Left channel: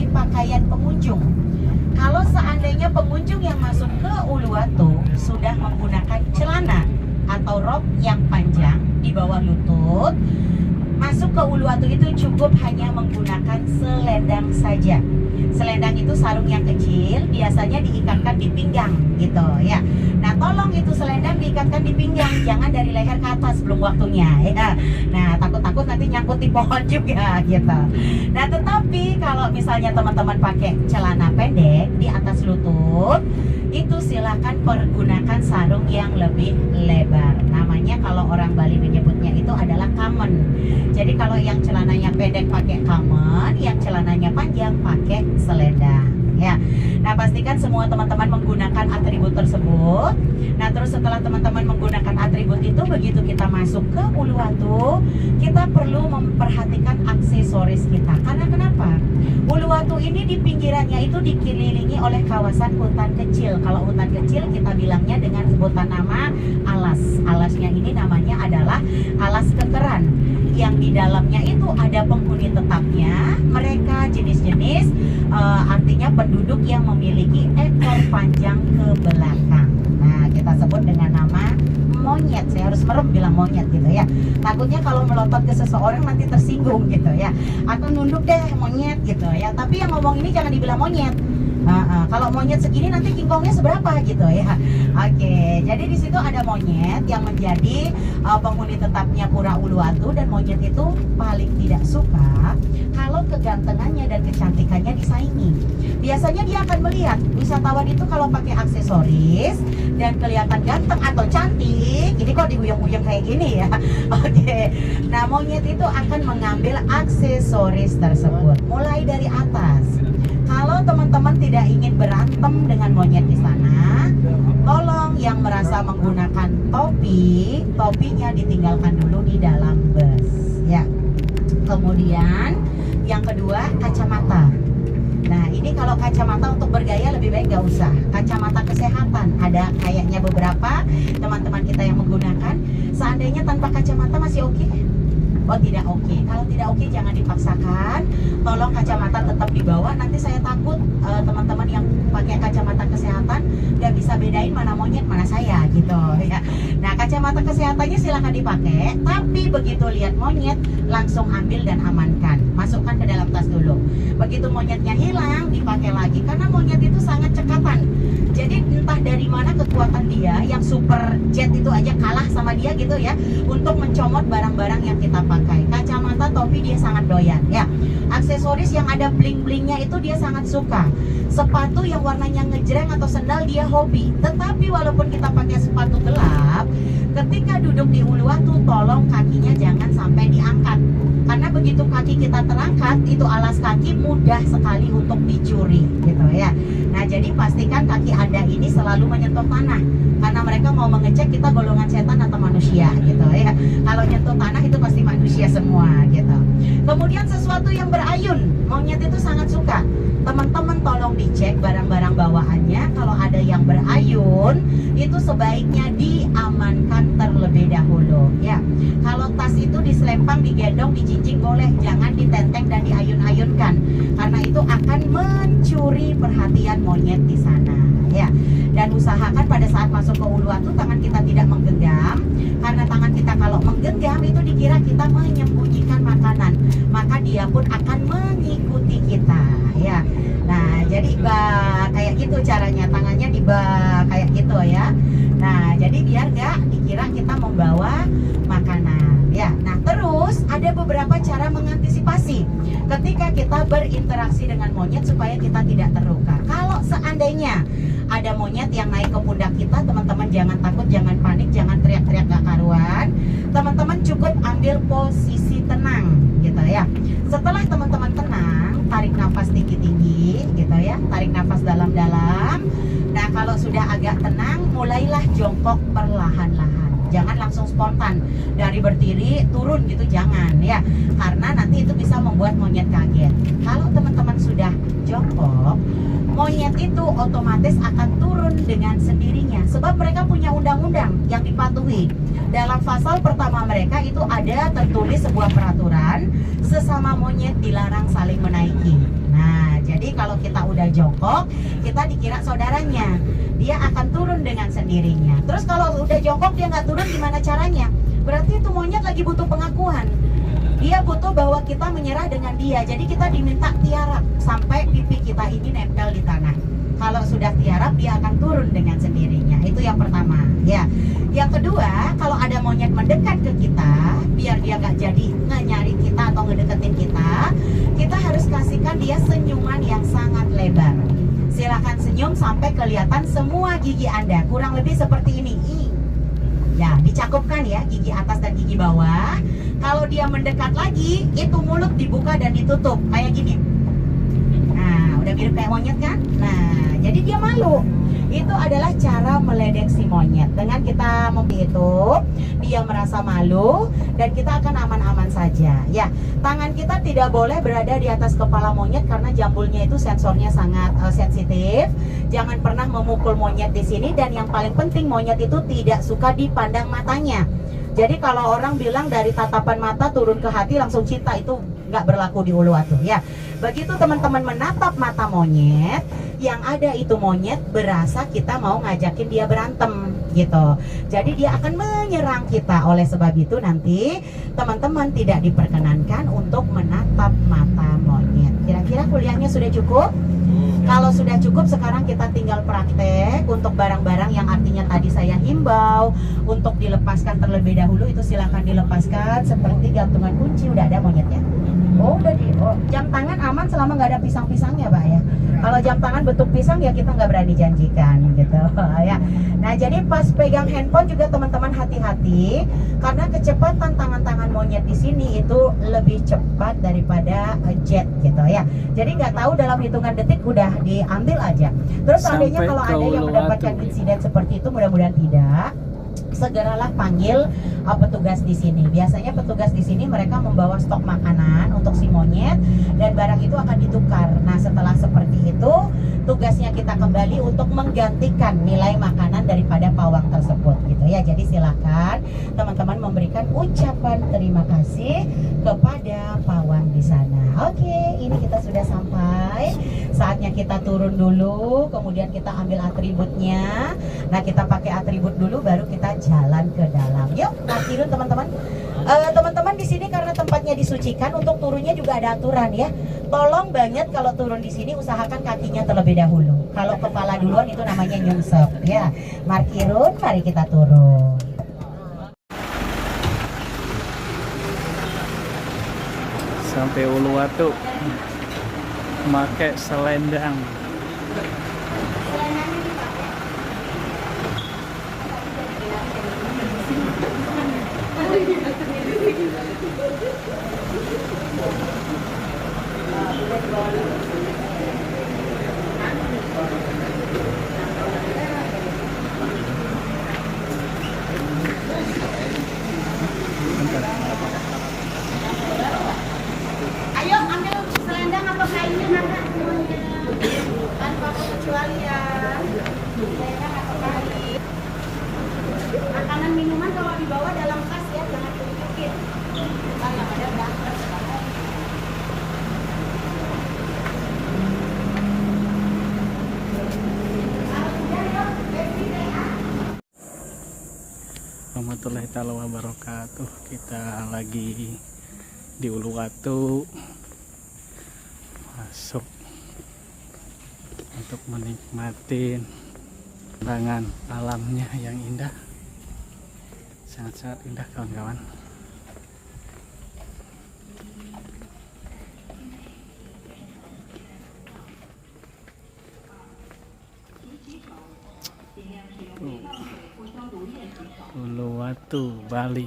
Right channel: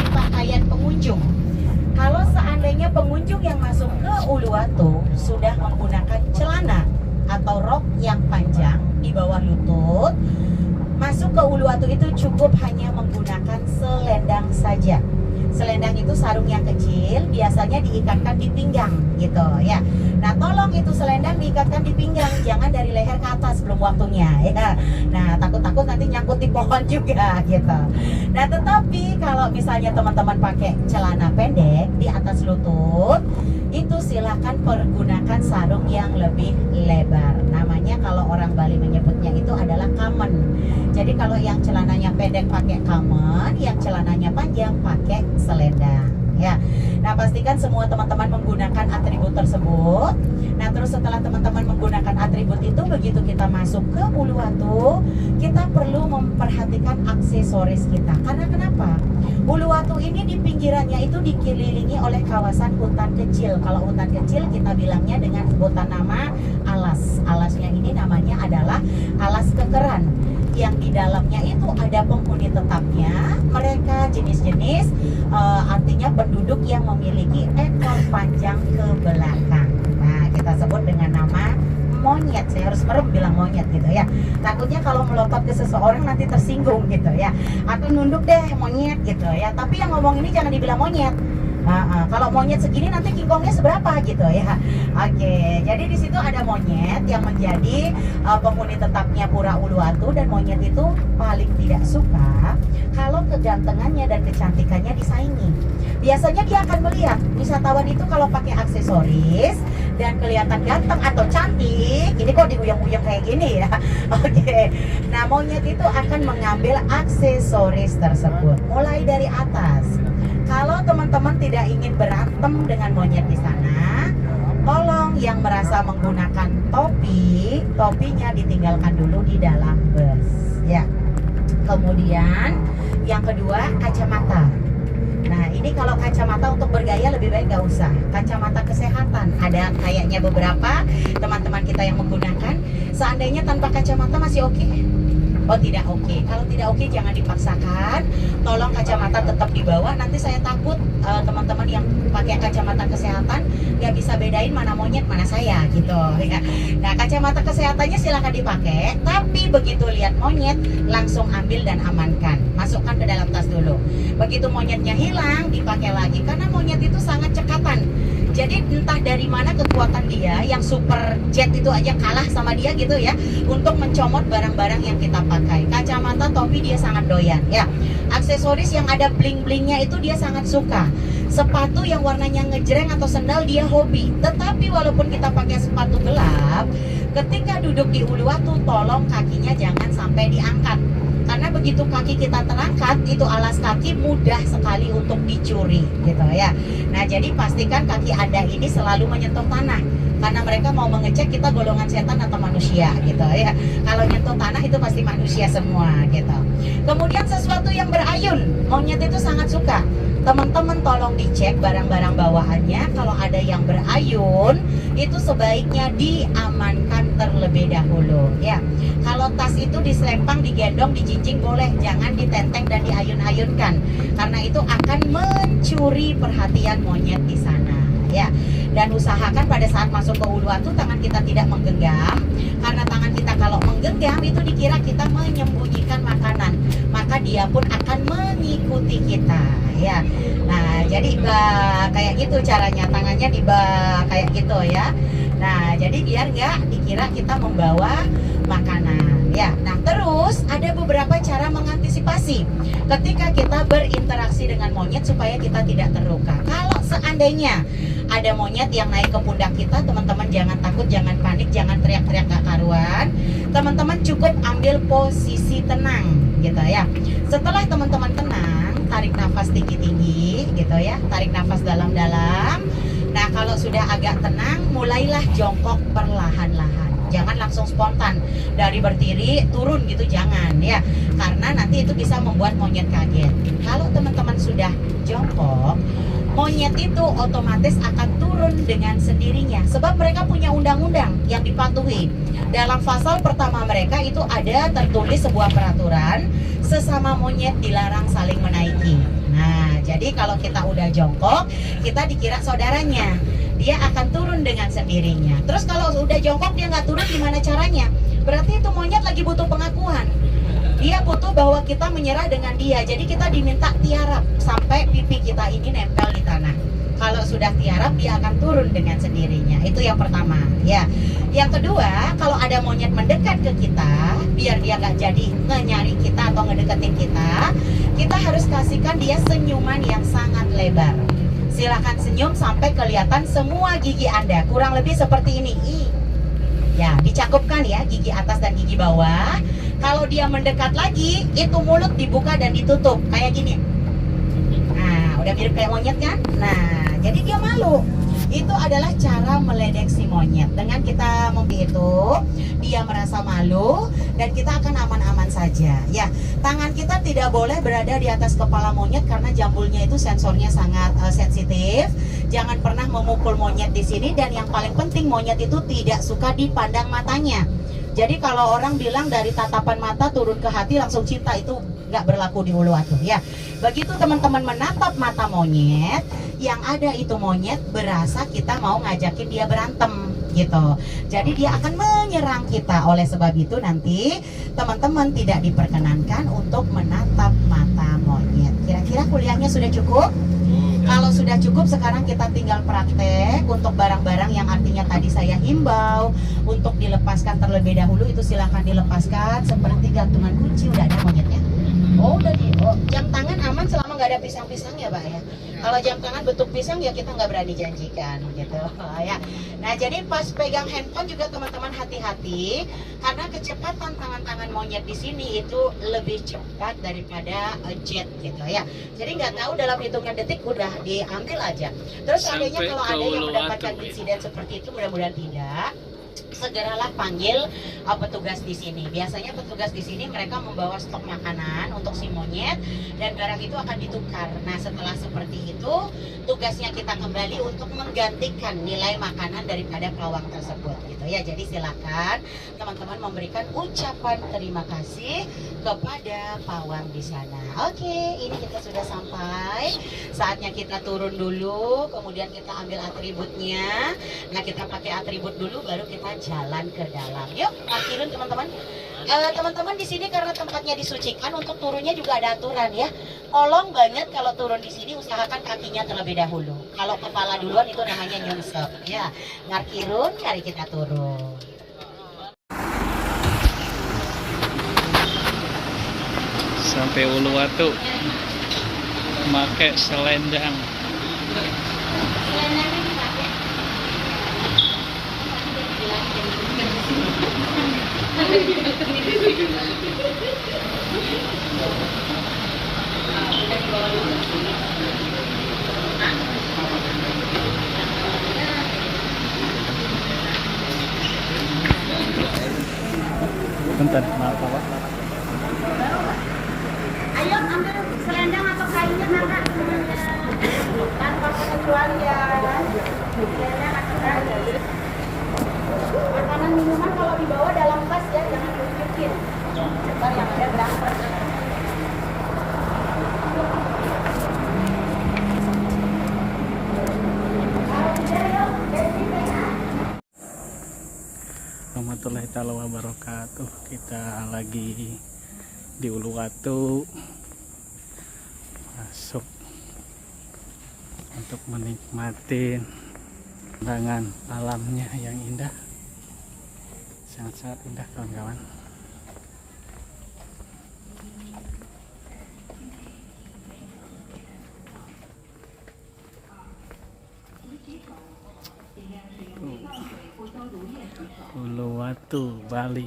dari pakaian pengunjung. Kalau seandainya pengunjung yang masuk ke Uluwatu sudah menggunakan celana atau rok yang panjang di bawah lutut, masuk ke Uluwatu itu cukup hanya menggunakan selendang saja. Selendang itu sarung yang kecil, biasanya diikatkan di pinggang gitu ya. Nah, tolong itu selendang diikatkan di pinggang, jangan dari leher ke atas, belum waktunya ya. Nah, takut-takut nanti nyangkut di pohon juga gitu. Nah, tetapi kalau misalnya teman-teman pakai celana pendek di atas lutut, itu silakan pergunakan sarung yang lebih lebar. Namanya kalau orang Bali menyebutnya itu adalah kamen. Jadi kalau yang celananya pendek pakai kamen, yang celananya panjang pakai selendang ya. Nah, pastikan semua teman-teman menggunakan atribut tersebut. Nah, terus setelah teman-teman menggunakan atribut itu, begitu kita masuk ke Uluwatu, kita perlu memperhatikan aksesoris kita. Karena kenapa? Uluwatu ini di pinggirannya itu dikelilingi oleh kawasan hutan kecil. Kalau hutan kecil kita bilangnya dengan sebutan nama alas. Alasnya ini namanya adalah alas kekeran. Yang di dalamnya itu ada penghuni tetapnya. Mereka jenis-jenis artinya penduduk yang memiliki ekor panjang ke belakang. Nah, kita sebut dengan nama monyet. Saya harus merem bilang monyet gitu ya. Takutnya kalau melompat ke seseorang nanti tersinggung gitu ya. Atau nunduk deh monyet gitu ya. Tapi yang ngomong ini jangan dibilang monyet. Kalau monyet segini nanti kingkongnya seberapa gitu ya. Oke, jadi di situ ada monyet yang menjadi penghuni tetapnya Pura Uluwatu, dan monyet itu paling tidak suka kalau kegantengannya dan kecantikannya disaingi. Biasanya dia akan melihat wisatawan itu kalau pakai aksesoris dan kelihatan ganteng atau cantik, ini kok diuyang-uyang kayak gini ya. Oke, nah monyet itu akan mengambil aksesoris tersebut mulai dari atas. Kalau teman-teman tidak ingin berantem dengan monyet di sana, tolong yang merasa menggunakan topi, topinya ditinggalkan dulu di dalam bus ya. Kemudian yang kedua, kacamata. Nah, ini kalau kacamata untuk bergaya lebih baik nggak usah. Kacamata kesehatan ada kayaknya beberapa teman-teman kita yang menggunakan. Seandainya tanpa kacamata masih oke? Oh, tidak oke. Kalau tidak oke jangan dipaksakan. Tolong kacamata tetap dibawa. Nanti saya takut teman-teman yang pakai kacamata kesehatan nggak bisa bedain mana monyet mana saya gitu ya. Nah, kacamata kesehatannya silakan dipakai. Tapi begitu lihat monyet langsung ambil dan amankan. Masukkan ke dalam tas dulu. Begitu monyetnya hilang dipakai lagi, karena monyet itu sangat cekatan. Jadi entah dari mana kekuatan dia, yang super jet itu aja kalah sama dia gitu ya, untuk mencomot barang-barang yang kita pakai. Kacamata, topi dia sangat doyan ya. Aksesoris yang ada bling-blingnya itu dia sangat suka. Sepatu yang warnanya ngejreng atau sendal dia hobi. Tetapi walaupun kita pakai sepatu gelap, ketika duduk di Uluwatu tolong kakinya jangan sampai diangkat. Karena begitu kaki kita terangkat, itu alas kaki mudah sekali untuk dicuri gitu ya. Nah, jadi pastikan kaki Anda ini selalu menyentuh tanah, karena mereka mau mengecek kita golongan setan atau manusia gitu ya. Kalau nyentuh tanah itu pasti manusia semua gitu. Kemudian sesuatu yang berayun, monyet itu sangat suka. Teman-teman tolong dicek barang-barang bawaannya. Kalau ada yang berayun, itu sebaiknya diamankan terlebih dahulu ya. Kalau tas itu diselempang, digendong, dijinjing boleh, jangan ditenteng dan diayun-ayunkan, karena itu akan mencuri perhatian monyet di sana ya. Dan usahakan pada saat masuk ke Uluwatu tangan kita tidak menggenggam, karena tangan kita kalau menggenggam itu dikira kita menyembunyikan makanan, maka dia pun akan mengikuti kita ya. Nah, jadi kayak gitu caranya, tangannya kayak gitu ya. Nah, jadi biar nggak dikira kita membawa makanan ya. Nah, terus ada beberapa cara mengantisipasi ketika kita berinteraksi dengan monyet supaya kita tidak terluka. Kalau seandainya ada monyet yang naik ke pundak kita, teman-teman jangan takut, jangan panik, jangan teriak-teriak gak karuan. Teman-teman cukup ambil posisi tenang gitu ya. Setelah teman-teman tenang, tarik nafas tinggi-tinggi gitu ya, tarik nafas dalam-dalam. Nah, kalau sudah agak tenang, mulailah jongkok perlahan-lahan. Jangan langsung spontan dari berdiri turun gitu, jangan ya, karena nanti itu bisa membuat monyet kaget. Kalau teman-teman sudah jongkok, monyet itu otomatis akan turun dengan sendirinya, sebab mereka punya undang-undang yang dipatuhi. Dalam pasal pertama mereka itu ada tertulis sebuah peraturan, sesama monyet dilarang saling menaiki. Nah, jadi jongkok, kita dikira saudaranya. Dia akan turun dengan sendirinya. Terus kalau udah jongkok dia nggak turun, gimana caranya? Berarti itu monyet lagi butuh pengakuan. Dia butuh bahwa kita menyerah dengan dia. Jadi kita diminta tiarap sampai pipi kita ini nempel di tanah. Kalau sudah tiarap dia akan turun dengan sendirinya. Itu yang pertama, ya. Yang kedua, kalau ada monyet mendekat ke kita, biar dia nggak jadi nyari kita atau ngedeketin kita harus kasihkan dia senyuman yang sangat lebar. Silahkan senyum sampai kelihatan semua gigi Anda. Kurang lebih seperti ini. Ya, dicakupkan ya gigi atas dan gigi bawah. Kalau dia mendekat lagi, itu mulut dibuka dan ditutup kayak gini. Nah, udah mirip kayak monyet kan? Nah, jadi dia malu. Itu adalah cara meledek si monyet. Dengan kita itu, dia merasa malu dan kita akan aman-aman saja. Ya, tangan kita tidak boleh berada di atas kepala monyet karena jambulnya itu sensornya sangat sensitif. Jangan pernah memukul monyet di sini, dan yang paling penting monyet itu tidak suka dipandang matanya. Jadi kalau orang bilang dari tatapan mata turun ke hati langsung cinta, itu nggak berlaku di Uluwatu ya. Begitu teman-teman menatap mata monyet, yang ada itu monyet berasa kita mau ngajakin dia berantem gitu. Jadi dia akan menyerang kita. Oleh sebab itu nanti teman-teman tidak diperkenankan untuk menatap mata monyet. Kira-kira kuliahnya sudah cukup? Kalau sudah cukup, sekarang kita tinggal praktek untuk barang-barang yang artinya tadi saya himbau untuk dilepaskan terlebih dahulu. Itu silahkan dilepaskan seperti gantungan kunci. Udah ada monyetnya? Oh, udah jam tangan aman selama nggak ada pisang-pisangnya, Pak ya. Kalau jam tangan bentuk pisang ya kita nggak berani janjikan gitu ya. Nah, jadi pas pegang handphone juga teman-teman hati-hati karena kecepatan tangan monyet di sini itu lebih cepat daripada jet gitu ya. Jadi nggak tahu dalam hitungan detik udah diambil aja. Terus seandainya kalau ada yang mendapatkan insiden seperti itu, mudah-mudahan tidak, segeralah panggil petugas di sini. Biasanya petugas di sini mereka membawa stok makanan untuk si monyet dan barang itu akan ditukar. Nah, setelah seperti itu, tugasnya kita kembali untuk menggantikan nilai makanan daripada pawang tersebut gitu ya. Jadi silakan teman-teman memberikan ucapan terima kasih kepada pawang di sana. Oke, ini kita sudah sampai. Saatnya kita turun dulu, kemudian kita ambil atributnya. Nah, kita pakai atribut dulu baru kita jalan ke dalam. Yuk, parkirin teman-teman. Teman-teman di sini karena tempatnya disucikan, untuk turunnya juga ada aturan ya. Tolong banget kalau turun di sini usahakan kakinya terlebih dahulu. Kalau kepala duluan itu namanya nyungsep ya. Markirun, mari kita turun. Sampai Uluwatu pakai selendang. Bentar, maaf ya. Ayo ambil selendang atau kainnya Nana semuanya. Tanpa pengecualian. Selendang atau kain. Makanan minuman kalau dibawa dalam tas ya, jangan diungkit. Ntar yang ada berantem. Warahmatullahi taala wabarakatuh. Kita lagi di Uluwatu, masuk untuk menikmati pemandangan alamnya yang indah, sangat-sangat indah kawan-kawan. Uluwatu, Bali.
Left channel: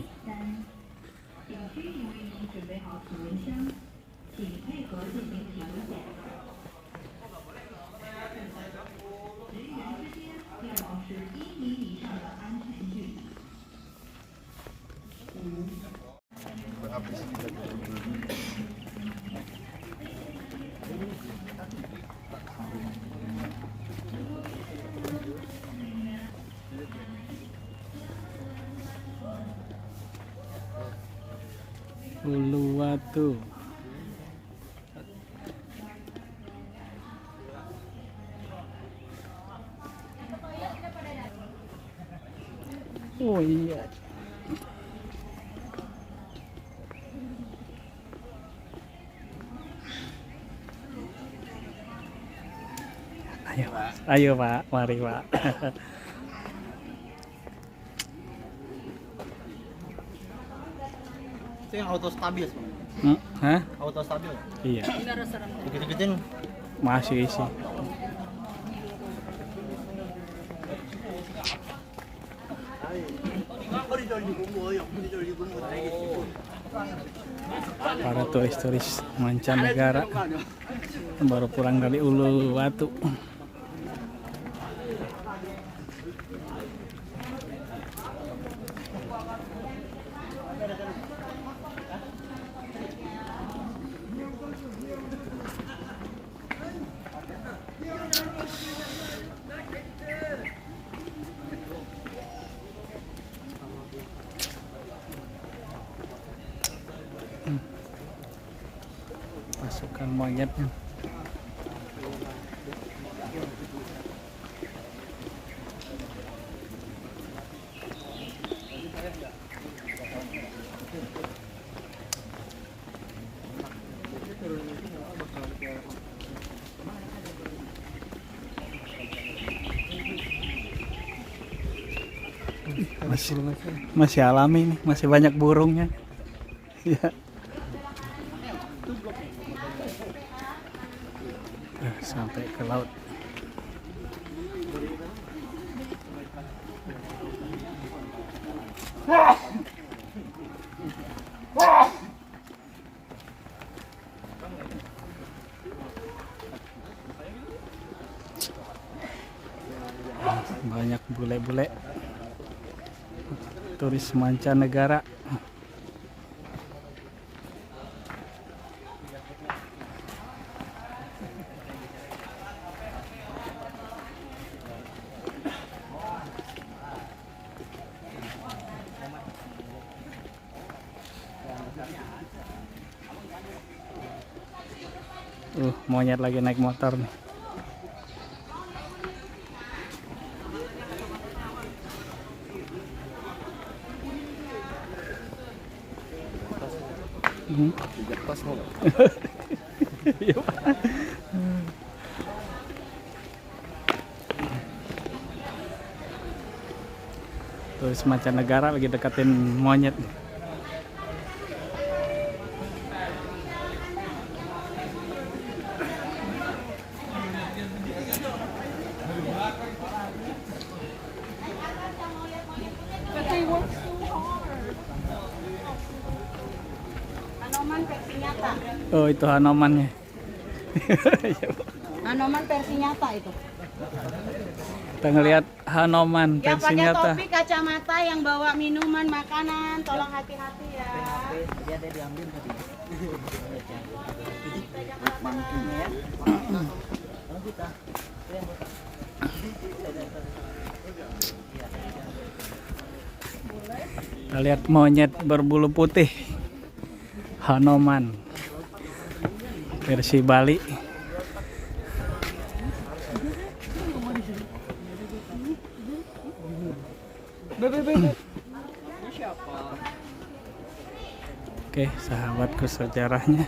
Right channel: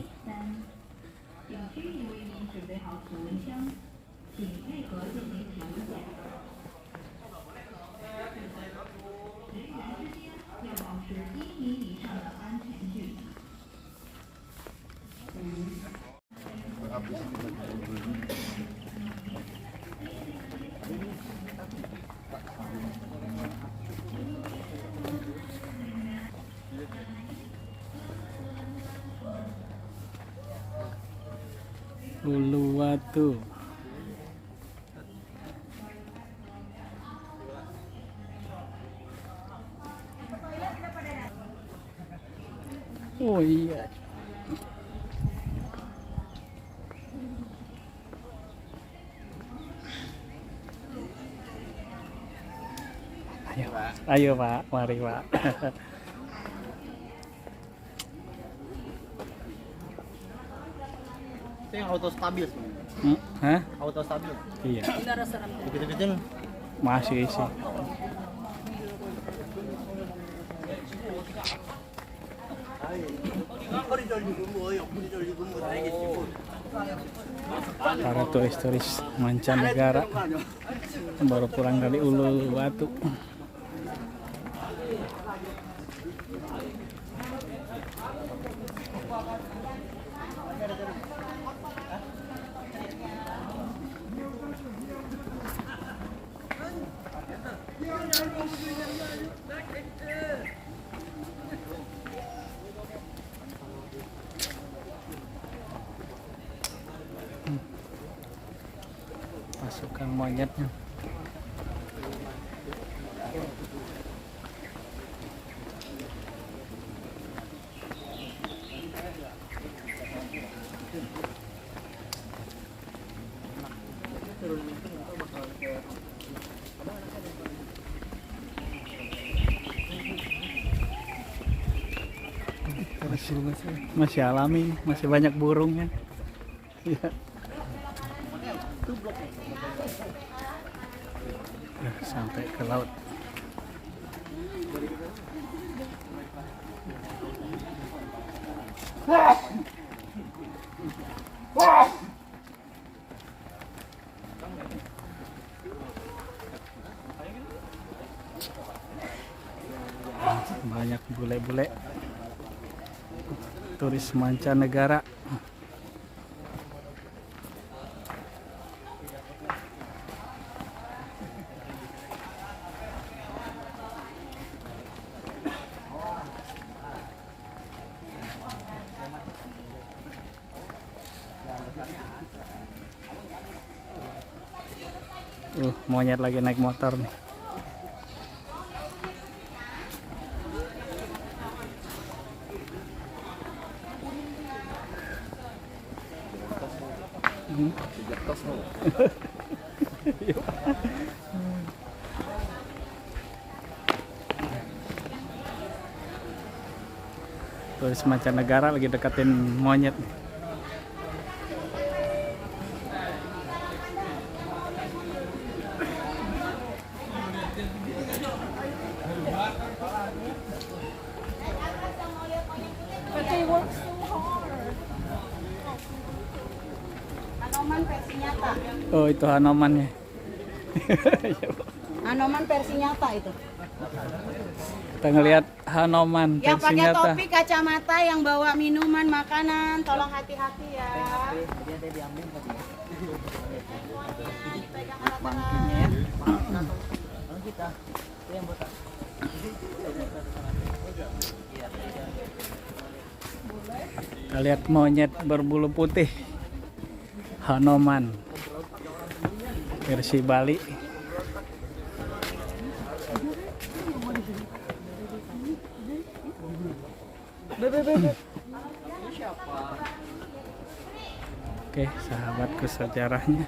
Uluwatu. Oh iya. Ayo Pak, mari Pak. Itu yang auto stabil. Hah? Auto stabil. Iya. Begitu kecil. Masih sih. Para turis-turis mancanegara baru pulang dari Uluwatu. Pasukan monyetnya. Masih alami, masih banyak burungnya. Ya. Sampai ke laut. Banyak bule-bule turis mancanegara. Monyet lagi naik motor nih. Turis mancanegara lagi deketin monyet nih. Hanoman versi nyata. Oh, itu Hanomannya. Hanoman versi nyata itu. Kita ngelihat Hanoman Yang versi pakai nyata. topi, kacamata, yang bawa minuman, makanan, tolong hati-hati ya. Kita lihat monyet berbulu putih Hanoman versi Bali. Oke, sahabatku sejarahnya.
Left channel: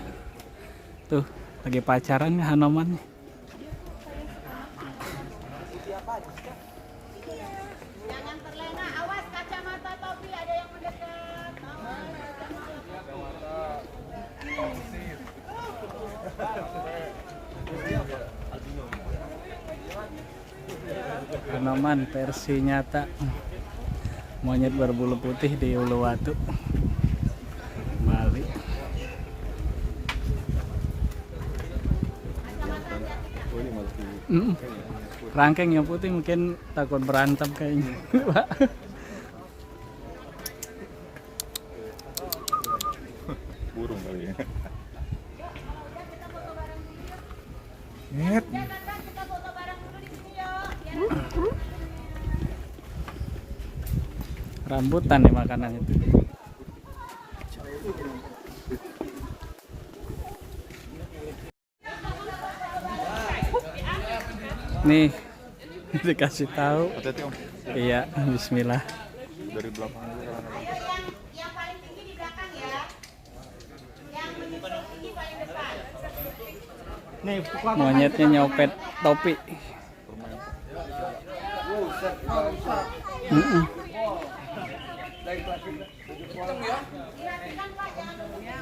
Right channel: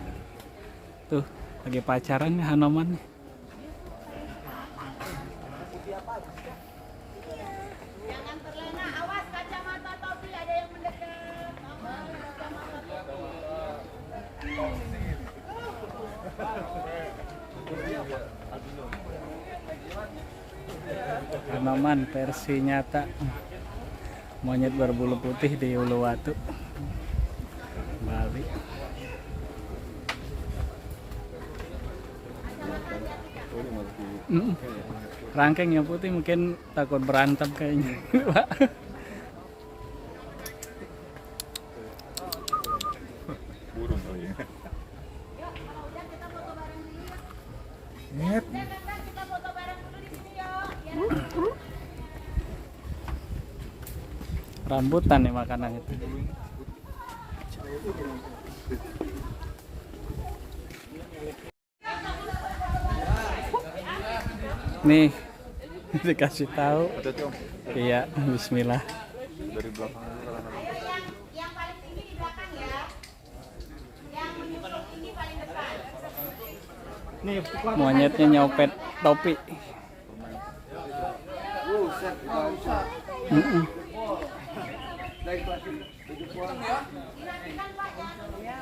Tuh, lagi pacaran Hanoman. Jangan terlena, awas kacamata, topi, ada yang mendekat. Hanoman versi nyata. Monyet berbulu putih di Uluwatu, Bali. Rangkeng yang putih mungkin takut berantem kayaknya. Burung kali ya. Kita foto bareng dulu di sini yuk. Rambutan nih makanan itu. Nih dikasih tahu. Iya, bismillah. dari belakang aja. Ayo yang paling tinggi di belakang ya. Yang tinggi paling depan. Nih, Monyetnya nyopet topi. Mm-mm.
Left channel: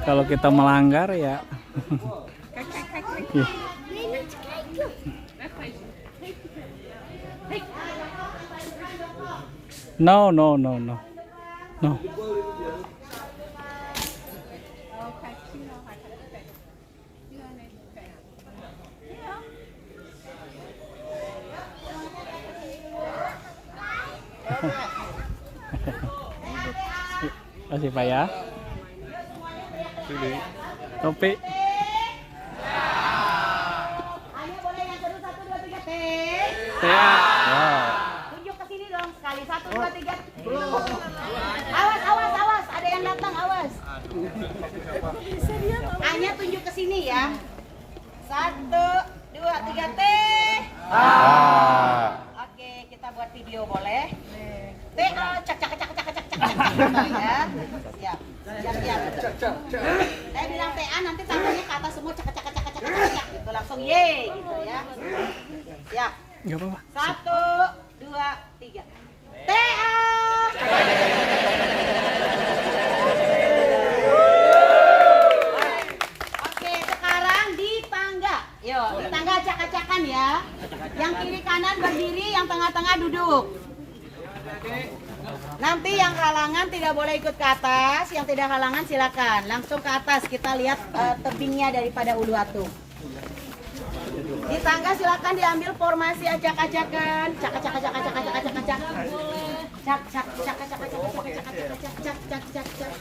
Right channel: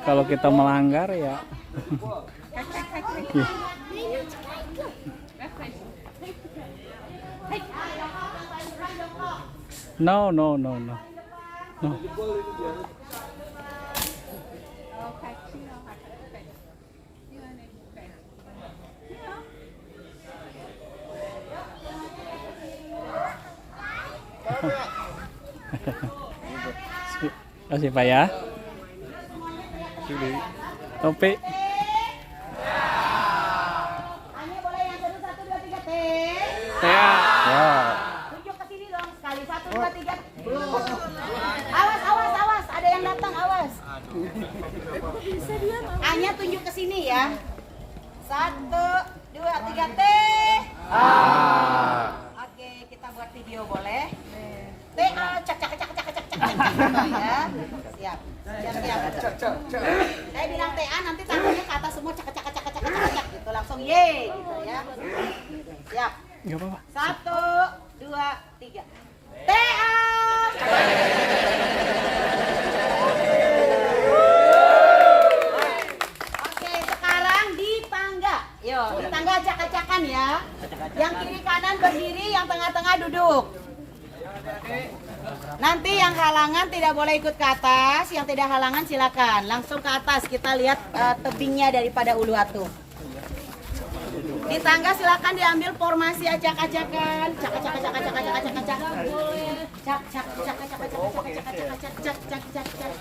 Kalau kita melanggar ya. Ih. No, no, no, no. No. Kasih Pak ya. Topi. Ayo boleh yang seru 1, 2, 3 T. Ya. Ya. Tunjuk ke sini dong sekali 1, 2, 3. Awas, awas, awas. Ada yang datang, awas. Hanya tunjuk ke sini ya. 1, 2, 3 T. Oke, kita buat video boleh. T A cak cak cak cak cak cak cak ya. Siap. Siap. Saya bilang T A nanti tangannya ke atas semua cak cak cak cak cak cak gitu langsung ye gitu ya. Siap. Enggak apa-apa. 1, 2, 3. T A. Oke, sekarang di tangga. Yo, di tangga acak-acakan ya. Yang kiri kanan berdiri, yang tengah-tengah duduk. Nanti yang halangan tidak boleh ikut ke atas, yang tidak halangan silakan langsung ke atas. Kita lihat tebingnya daripada Uluwatu. Di tangga silakan diambil formasi acak-acakan, cak-cak-cak-cak-cak-cak-cak-cak. Cak-cak-cak-cak-cak-cak-cak-cak-cak-cak-cak.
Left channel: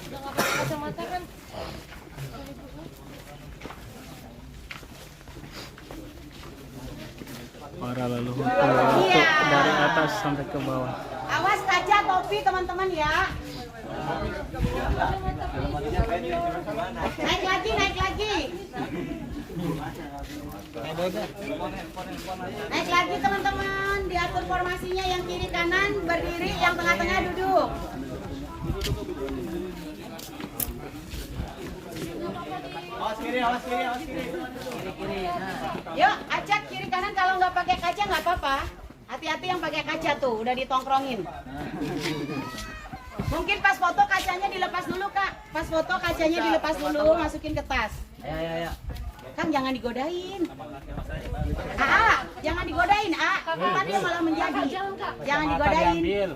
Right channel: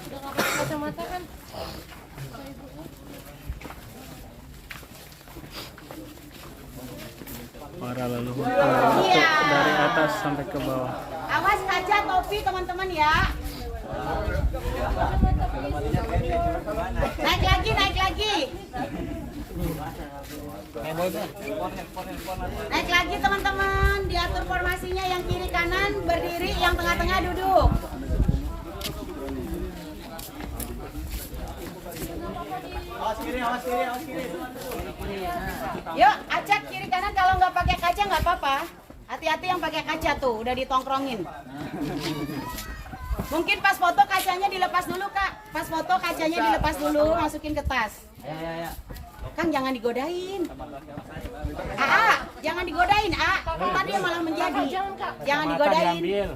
Para leluhur Uluwatu dari atas sampai ke bawah. Awas kaca topi teman-teman ya. Naik lagi, naik lagi. Naik lagi teman-teman. Diatur formasinya yang kiri kanan berdiri, yang tengah-tengah duduk. Awas kiri, awas kiri, awas kiri. Yuk, acak kiri kanan kalau nggak pakai kaca nggak apa-apa. Hati-hati yang pakai kaca tuh, udah ditongkrongin. Mungkin pas foto kacanya dilepas dulu kak. Pas foto kacanya dilepas dulu, masukin ke tas. Ya. Kang jangan digodain. Jangan digodain, Tadi malah menjadi. Jangan digodain.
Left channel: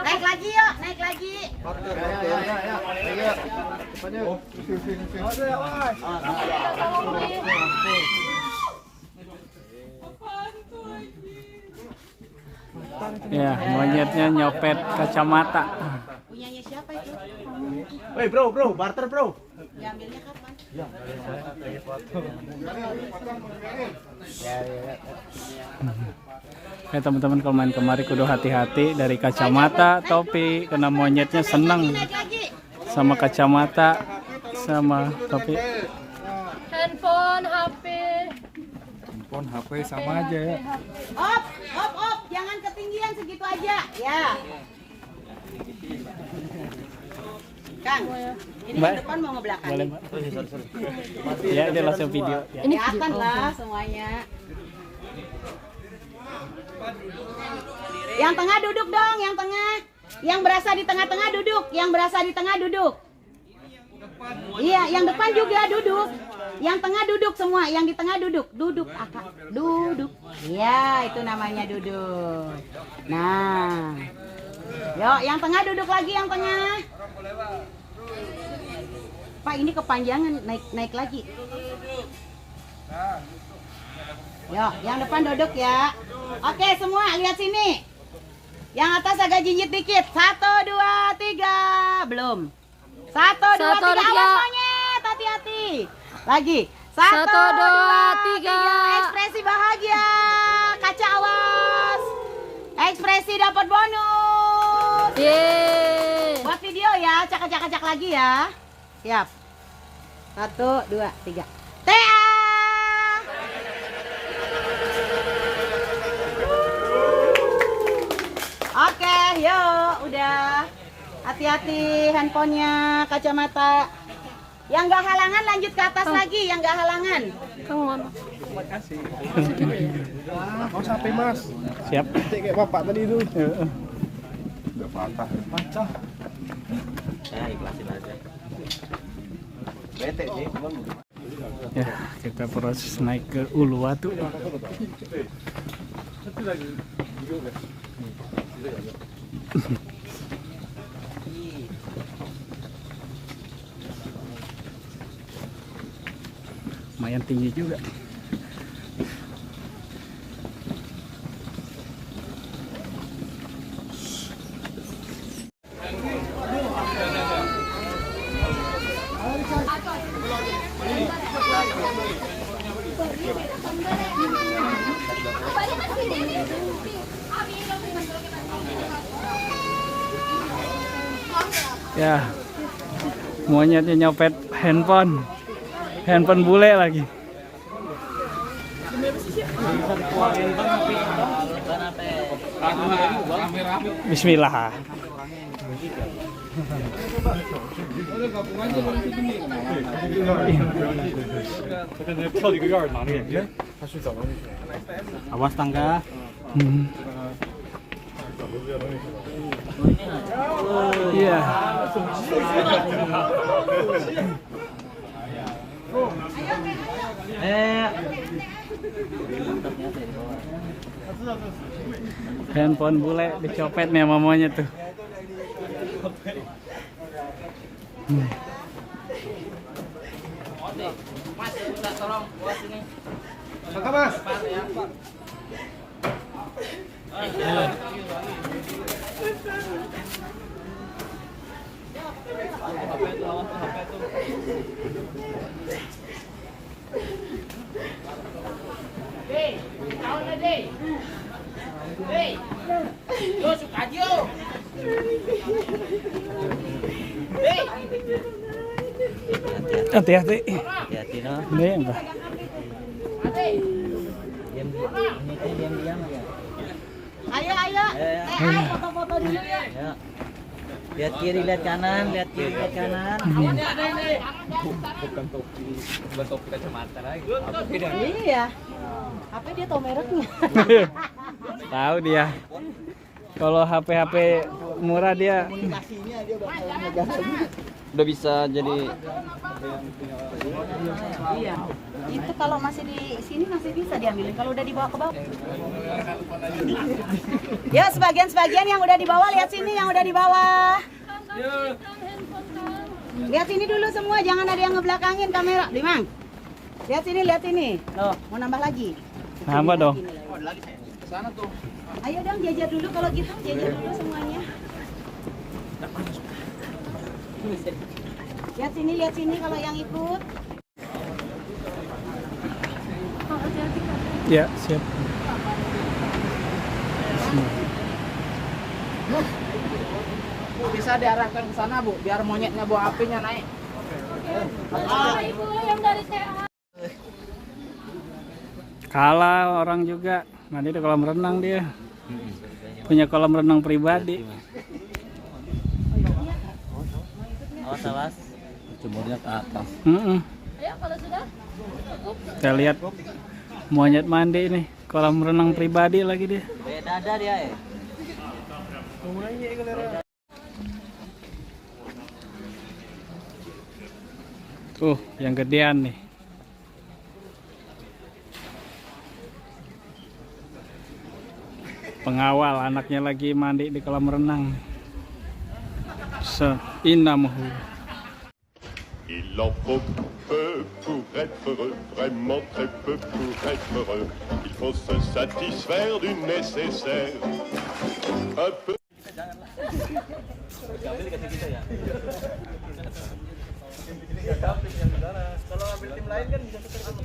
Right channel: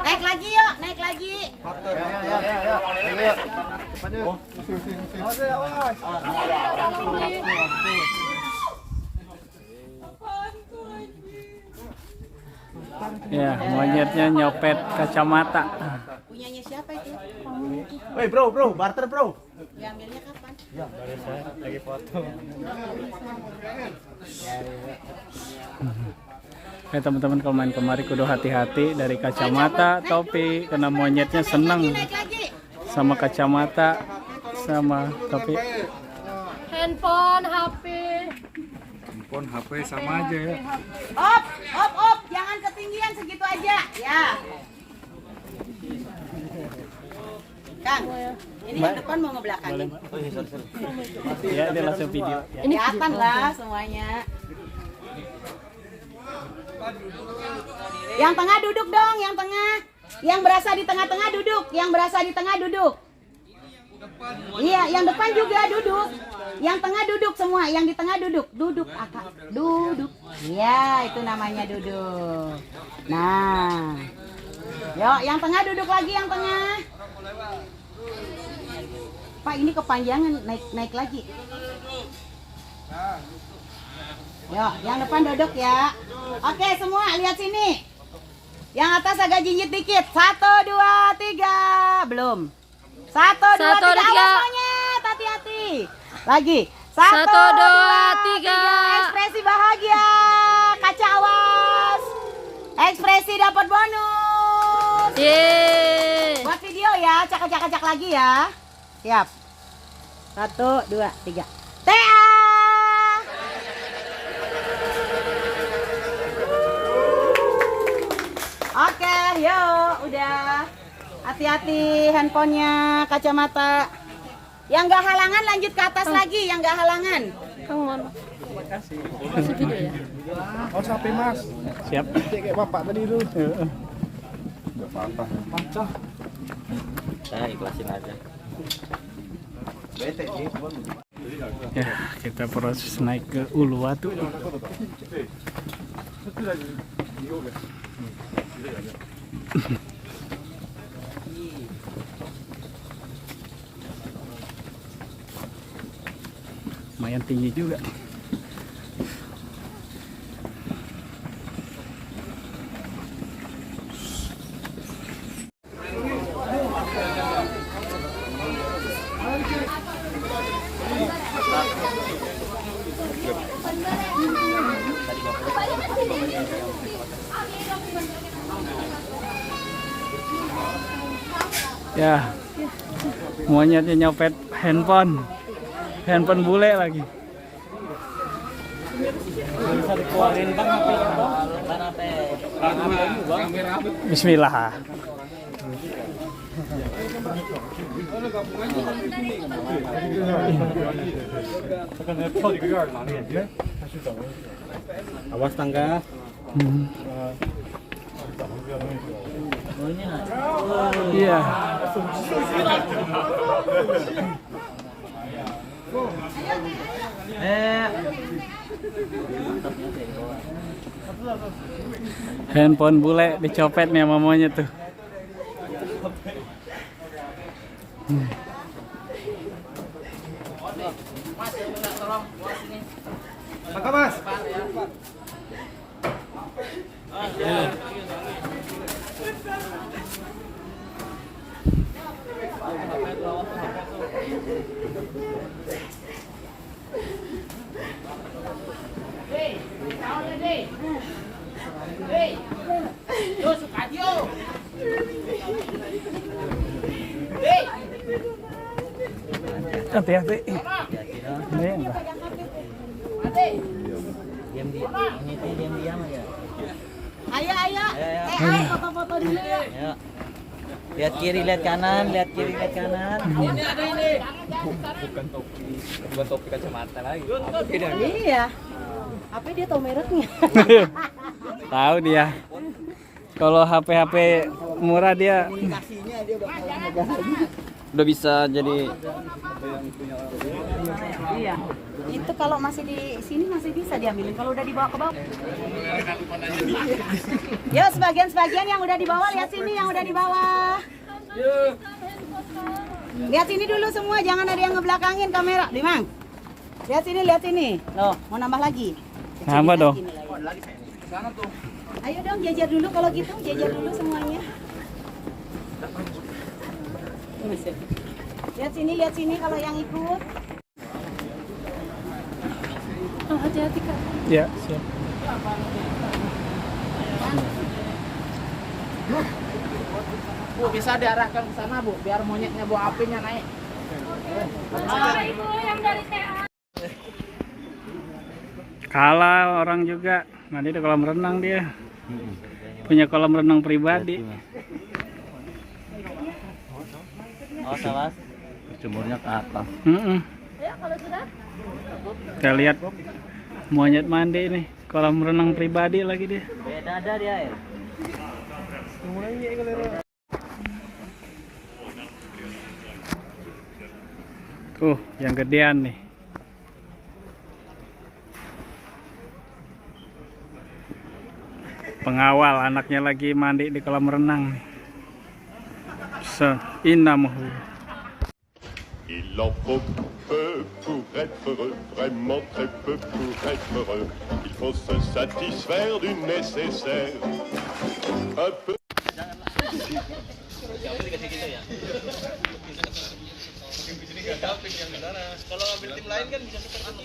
Naik lagi yuk, naik lagi. Ya, monyetnya nyopet kacamata. Punyanya siapa itu? Woi bro, barter bro. Diambilnya kapan? Teman-teman kalau main kemari kudu hati-hati dari kacamata, topi, karena monyetnya seneng Naik lagi. sama kacamata sama topi. Handphone, HP. Handphone, HP sama aja ya. Op, jangan ketinggian segitu aja. Ya. Kang, ini yang depan mau ngebelakangin. Ya, dia langsung video. Ya. Kelihatan lah semuanya. Yang tengah duduk dong, yang tengah. Yang berasa di tengah-tengah duduk, yang berasa di tengah duduk. Iya, yang depan juga duduk. Yang tengah duduk semua, yang di tengah duduk. Duduk, Akak. Duduk. Iya, itu namanya duduk. Nah. Yuk, yang tengah duduk lagi, yang tengah. Pak, ini kepanjangan, naik lagi. Yuk, yang depan duduk ya. Oke, semua lihat sini. Yang atas agak jinjit dikit. 1, 2, 3. Belum. 1, 2, 3. Awas monyet, hati-hati. Lagi. 1, 2, 3. Ekspresi bahagia. Kaca awas. Ekspresi dapat bonus. Yeay. Buat video ya, cak lagi ya. Siap. 1, 2, 3. TA. Oke, yuk, udah. Hati-hati handphonenya, kacamata. Yang nggak halangan lanjut ke atas lagi, yang nggak halangan. Kang mana? Mau sampai mas. Siap. Kayak bapak tadi itu. Heeh. Udah patah. Patah. Nah, ikhlasin aja. Bete sih. Ya, kita proses naik ke Uluwatu. Lumayan tinggi juga. Ya, monyetnya nyopet handphone bule lagi. Bismillah. Awas tangga. Iya. Handphone bule dicopet nih sama monyet tuh. Tangga mas. Hati-hati. Hati-hati no. Ini enggak. Ini tuh diam-diam ya. Ayo, ayo. Foto-foto dulu ya. Ya. Lihat kiri, lihat kanan, lihat kiri, lihat kanan. Ini ada ini. Bukan topi kacamata lagi. Ini ya. Apa dia tahu mereknya? Tahu dia. Kalau HP murah dia Udah bisa jadi Iya. Itu kalau masih di sini masih bisa diambilin, kalau udah dibawa ke bawah. Yo, sebagian yang udah dibawa lihat sini, yang udah dibawa. Lihat sini dulu semua, jangan ada yang ngebelakangin kamera, Dimang. Lihat sini. Loh, mau nambah lagi? Nambah dong. Ayo dong, jajar dulu kalau gitu, jajar dulu semuanya. Lihat sini kalau yang ikut. ya, siap. Bu, bisa diarahkan ke sana, Bu, biar monyetnya buang apinya naik. Kalah orang juga. Nanti di kolam renang dia. Punya kolam renang pribadi. oh salah. Jemurnya ke atas. Kita lihat monyet mandi nih, kolam renang pribadi lagi dia. Beda ada dia ya. Tuh, yang gedean nih. Pengawal anaknya lagi mandi di kolam renang nih. Inamuhu. Il en faut peu pour être heureux, vraiment très peu pour être heureux. Il faut se satisfaire du nécessaire. Un peu. Kalau ambil tim lain kan bisa seperti